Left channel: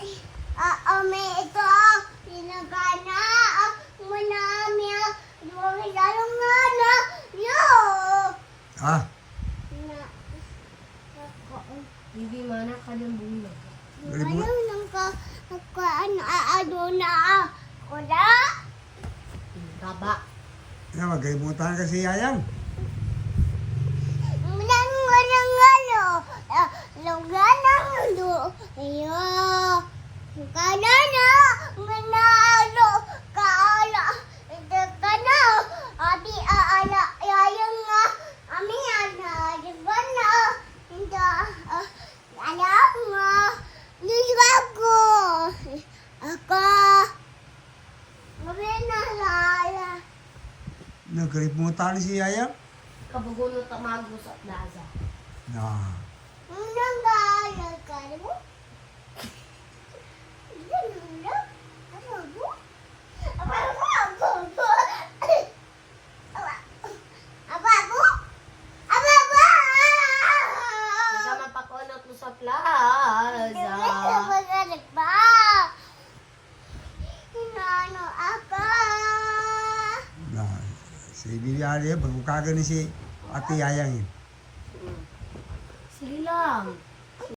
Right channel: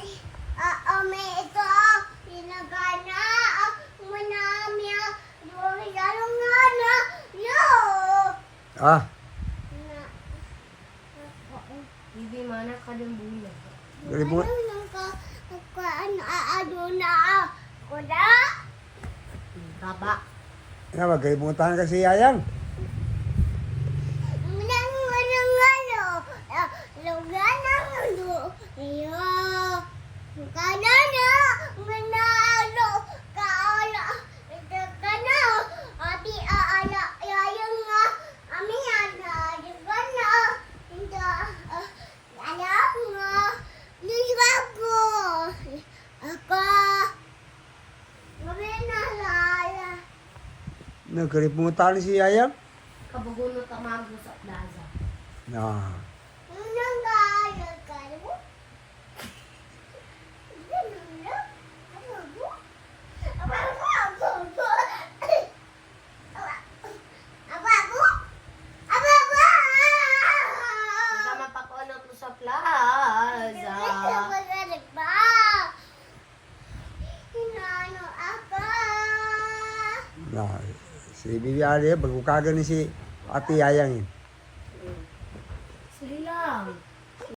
May ito, pinagana, manami, lalong na, yo! Ah, Bibi mana ka ng bulag. Remote. Ano na ako na? Baba. magkalimutan kasi Yayang. Nagkalimutan si Yayang. Kabugulo tamago sa plaza. Na. Nagamapakunot mo sa plaza. Na. Si Bibi Ali, bago kagan ni si Ate Yayang. Sige lang.